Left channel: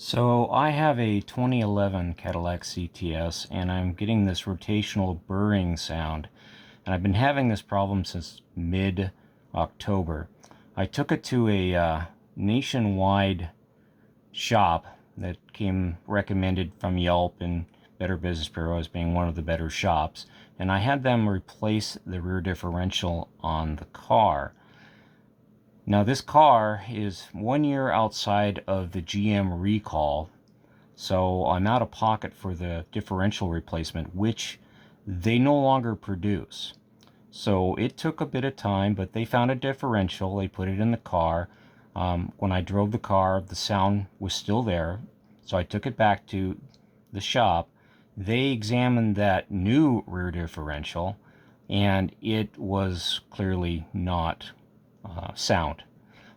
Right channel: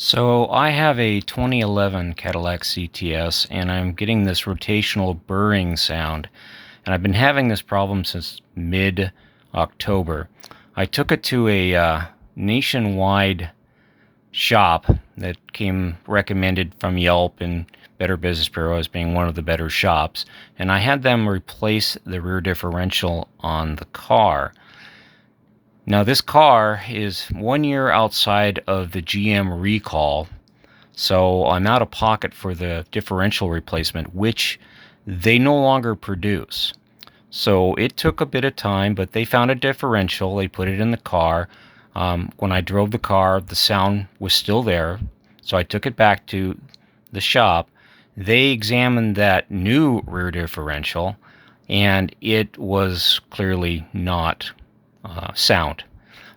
So I have a 2011 Cadillac CTS and I'm getting this rotational burring sound. And I've been having this problem since mid-October. I took it to a nationwide shop that came recommended from Yelp and Better Business Bureau as being one of the better shops. And I had them replace the rear differential on the car. Now, this car is 1 year outside of the GM recall, so I'm out of pocket for the differential replacement, which they no longer produce. So it took a bit of time, but they found a differential. They put it in the car. When I drove the car, the sound was still there, so I took it back to the shop. They examined that new rear differential, and it was clearly not sound.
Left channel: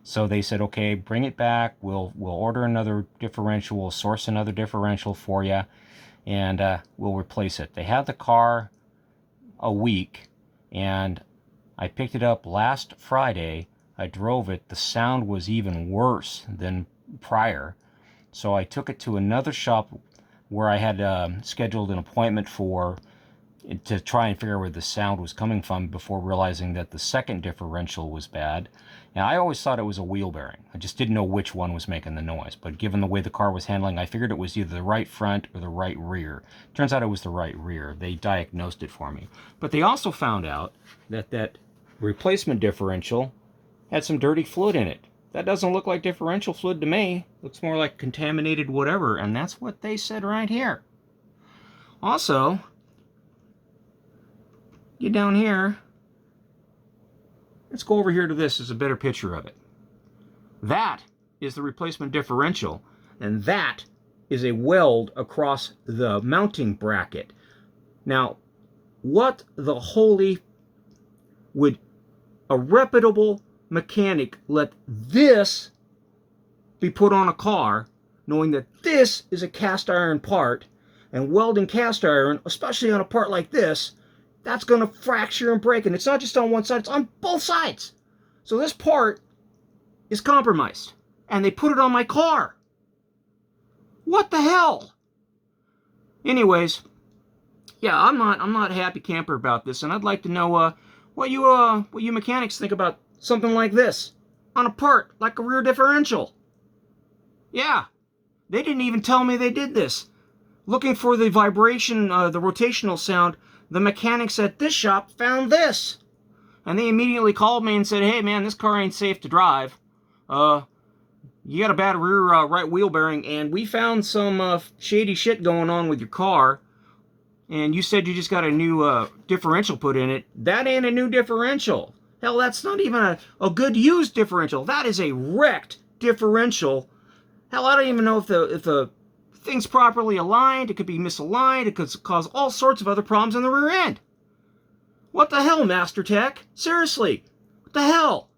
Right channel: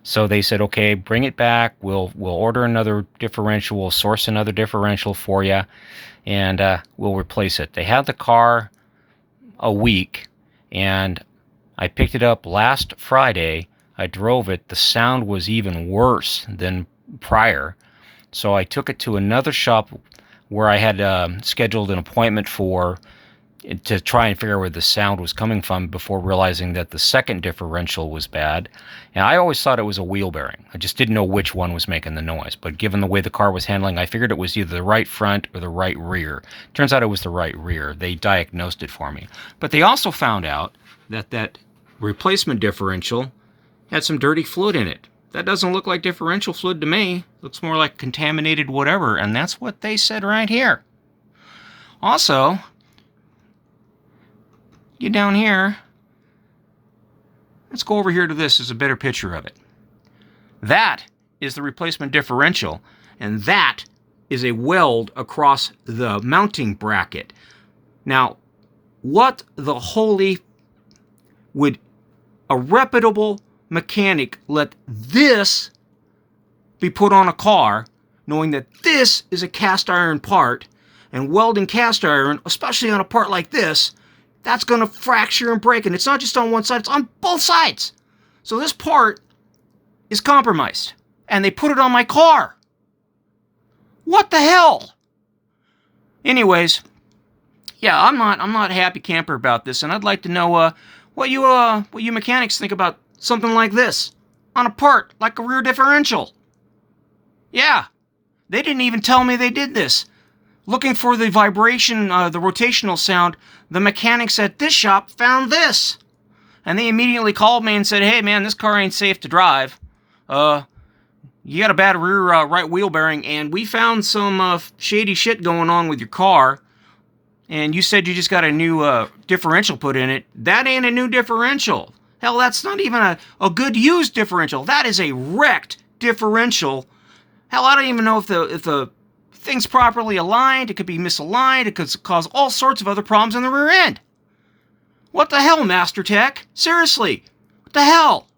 So they said, okay, bring it back. We'll order another differential. We'll source another differential for you, and we'll replace it. They had the car a week, and I picked it up last Friday. I drove it. The sound was even worse than prior. So I took it to another shop where I had scheduled an appointment for to try and figure out where the sound was coming from before realizing that the second differential was bad. And I always thought it was a wheel bearing. I just didn't know which one was making the noise. But given the way the car was handling, I figured it was either the right front or the right rear. Turns out it was the right rear. They diagnosed it for me. But they also found out that that replacement differential had some dirty fluid in it. That doesn't look like differential fluid to me. Looks more like contaminated whatever. And that's what they said right here. Also, get down here. Let's go over here to this. There's a better picture of it. That is the replacement differential, and that is a weld across the mounting bracket. Now, what the holy would a reputable mechanic let this be put on a car, knowing that this is a cast iron part, and welding cast iron, especially on a part like this, that's going to fracture and break. And it's not just on one side, it's on both sides. So this part is compromised. And they put it on my car. What the hell? Anyways, yeah, I'm not a happy camper about this. And I'd like to know what you mechanics think about something like this on a part like a rear differential. Yeah, they didn't even tell me they did this. Looking for the vibration, the rotational sound, the mechanics at this shop found this. And they immediately called me and said, hey man, this car ain't safe to drive. You got a bad rear right wheel bearing, and we found some shady shit going on with your car. And you said you just got a new differential put in it. That ain't a new differential. Hell, that's not even a good used differential. That is a wrecked differential. Hell, I don't even know if the thing's properly aligned. It could be misaligned. It could cause all sorts of other problems in the rear end. What the hell, Master Tech? Seriously, what the hell?